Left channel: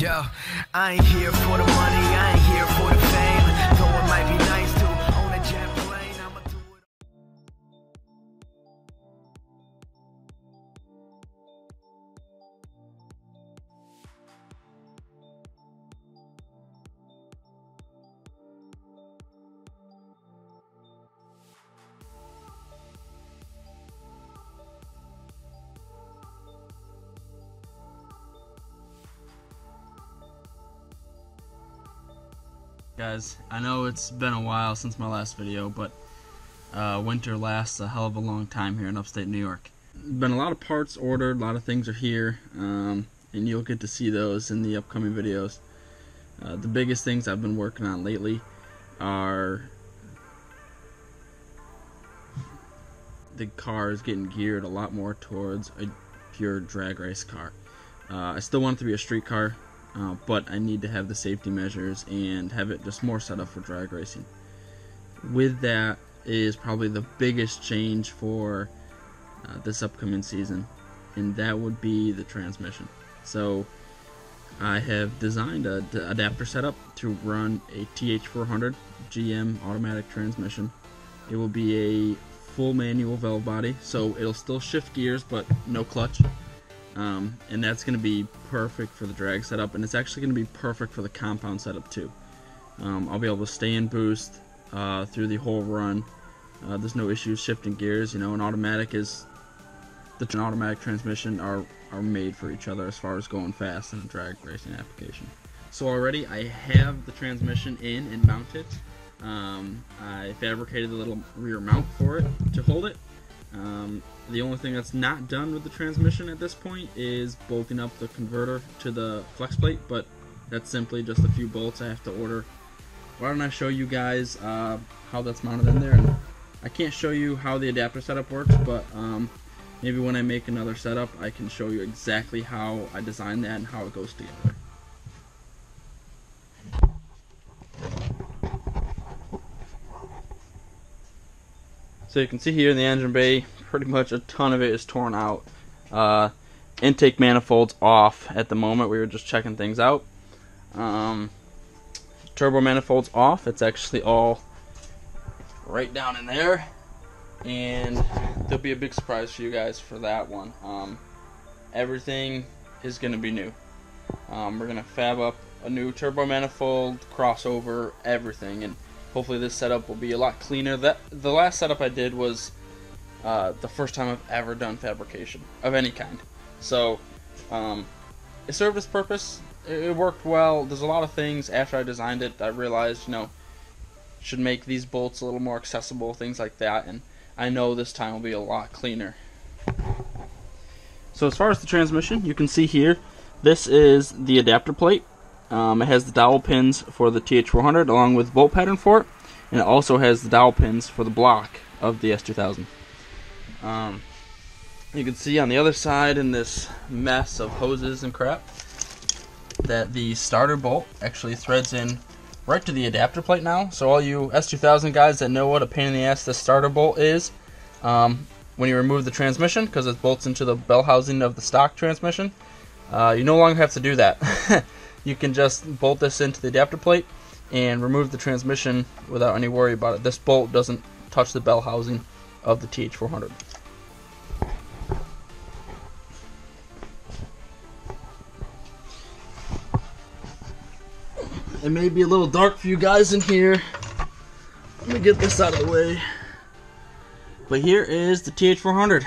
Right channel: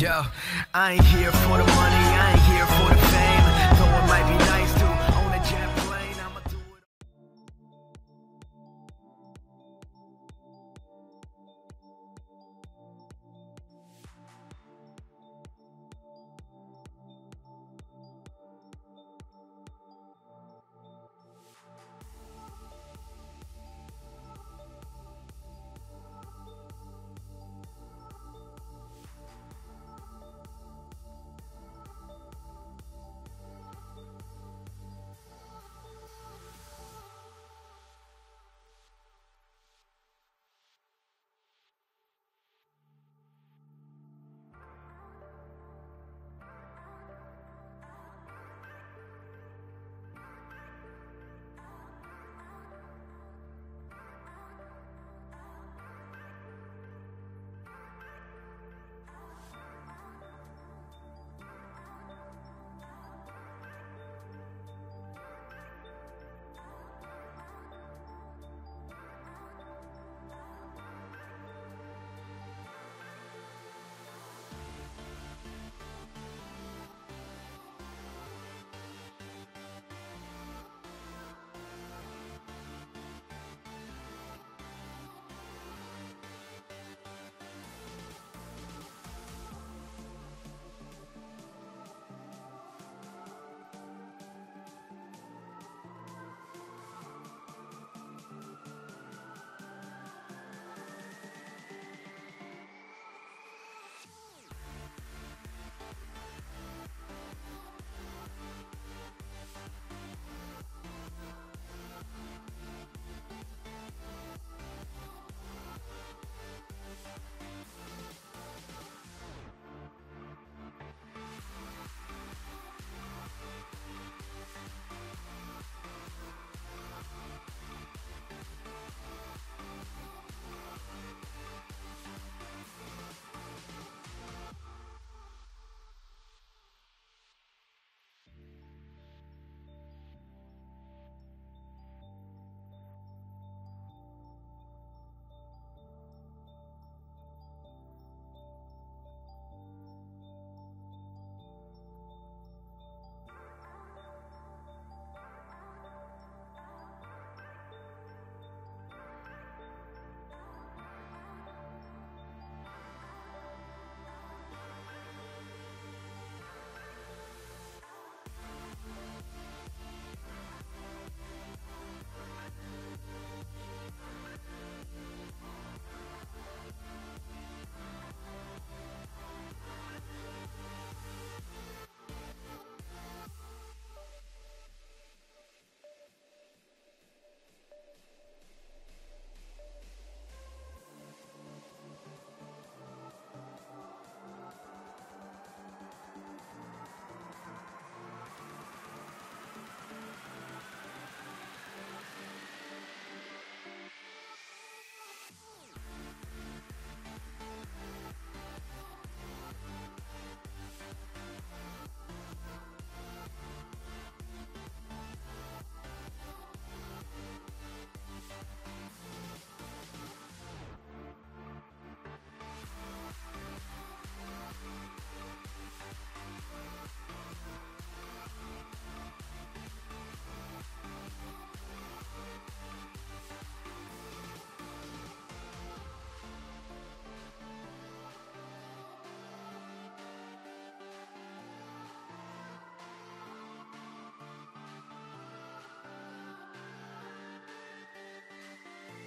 Yo, I ain't here for the money, I ain't here for the fame. Though it might be nice to own a jet plane, I'ma do it. Guys, I know it's been a while since my last video, but winter lasts a hell of a long time here in upstate New York. Been a lot of parts ordered, a lot of things are here, and you'll get to see those in the upcoming videos. The biggest things I've been working on lately are the cars getting geared a lot more towards a pure drag race car. I still want it to be a street car, but I need to have the safety measures and have it just more set up for drag racing. With that is probably the biggest change for this upcoming season, and that would be the transmission. So I have designed an adapter setup to run a TH400 GM automatic transmission. It will be a full manual valve body, so it'll still shift gears but no clutch. And that's going to be perfect for the drag setup, and it's actually going to be perfect for the compound setup too. I'll be able to stay in boost through the whole run. There's no issues shifting gears. You know, an automatic transmission are made for each other as far as going fast in a drag racing application. So already I have the transmission in and mounted. I fabricated a little rear mount for it to hold it. The only thing that's not done with the transmission at this point is bolting up the converter to the flex plate, but that's simply just a few bolts I have to order. Why don't I show you guys how that's mounted in there? And I can't show you how the adapter setup works, but maybe when I make another setup I can show you exactly how I designed that and how it goes together. So you can see here in the engine bay, pretty much a ton of it is torn out. Intake manifolds off at the moment. We were just checking things out. Turbo manifolds off. It's actually all right down in there, and there'll be a big surprise for you guys for that one. Everything is going to be new. We're going to fab up a new turbo manifold, crossover, everything, and hopefully this setup will be a lot cleaner. The last setup I did was the first time I've ever done fabrication of any kind. So it served its purpose. It worked well. There's a lot of things after I designed it I realized, you know, should make these bolts a little more accessible, things like that, and I know this time will be a lot cleaner. So as far as the transmission, you can see here, this is the adapter plate. It has the dowel pins for the TH400 along with bolt pattern for it, and it also has the dowel pins for the block of the S2000. You can see on the other side in this mess of hoses and crap that the starter bolt actually threads in right to the adapter plate now. So all you S2000 guys that know what a pain in the ass this starter bolt is, when you remove the transmission, because it bolts into the bell housing of the stock transmission, you no longer have to do that. You can just bolt this into the adapter plate and remove the transmission without any worry about it. This bolt doesn't touch the bell housing of the TH400. It may be a little dark for you guys in here. Let me get this out of the way. But here is the TH400.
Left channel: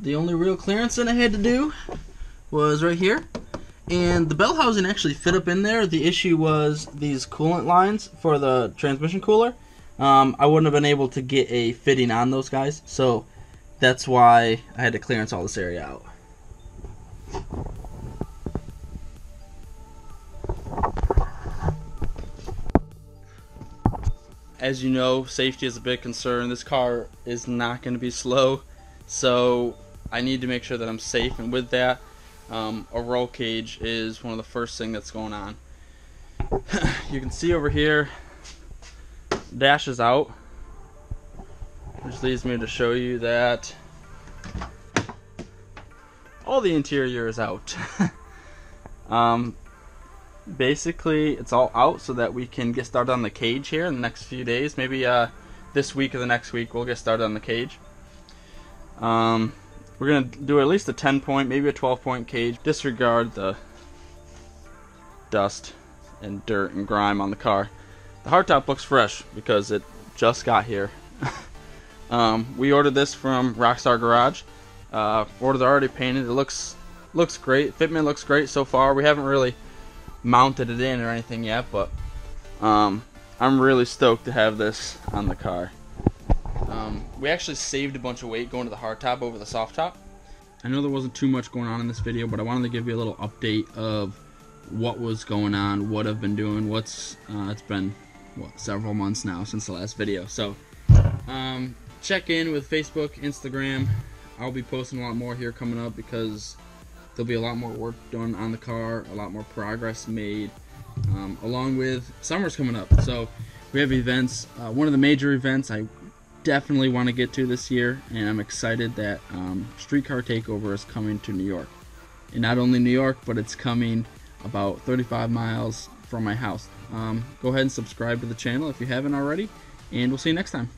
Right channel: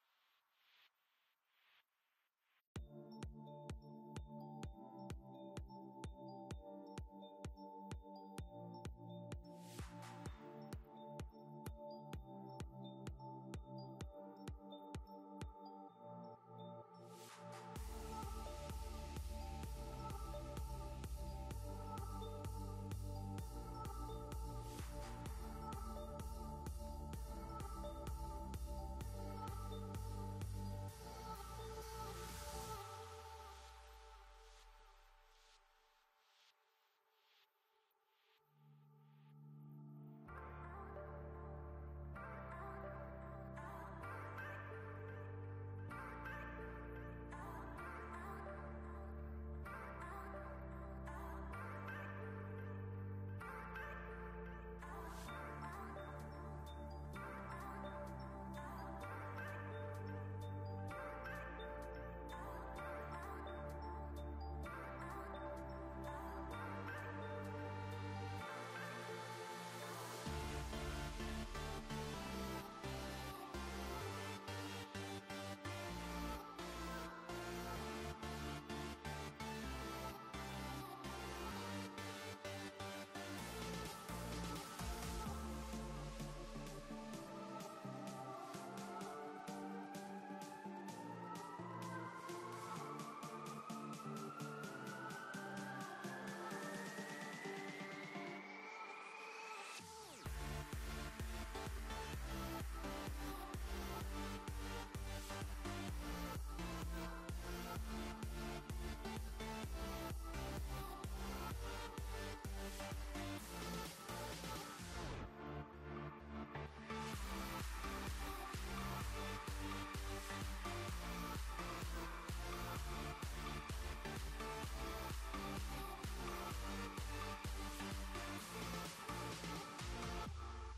The only real clearance that I had to do was right here, and the bell housing actually fit up in there. The issue was these coolant lines for the transmission cooler. I wouldn't have been able to get a fitting on those guys, so that's why I had to clearance all this area out. As you know, safety is a big concern. This car is not going to be slow, so I need to make sure that I'm safe, and with that, a roll cage is one of the first things that's going on. You can see over here, dash is out, which leads me to show you that all the interior is out. Basically it's all out so that we can get started on the cage here in the next few days. Maybe this week or the next week we'll get started on the cage. We're gonna do at least a 10-point, maybe a 12-point cage. Disregard the dust and dirt and grime on the car. The hardtop looks fresh because it just got here. We ordered this from Rockstar Garage. Ordered already painted. It looks great. Fitment looks great so far. We haven't really mounted it in or anything yet, but I'm really stoked to have this on the car. We actually saved a bunch of weight going to the hardtop over the soft top. I know there wasn't too much going on in this video, but I wanted to give you a little update of what was going on, what I've been doing. It's been several months now since the last video, so check in with Facebook, Instagram. I'll be posting a lot more here coming up because there'll be a lot more work done on the car, a lot more progress made, along with summer's coming up. So we have events. One of the major events I definitely want to get to this year, and I'm excited that Streetcar Takeover is coming to New York. And not only New York, but it's coming about 35 miles from my house. Go ahead and subscribe to the channel if you haven't already, and we'll see you next time.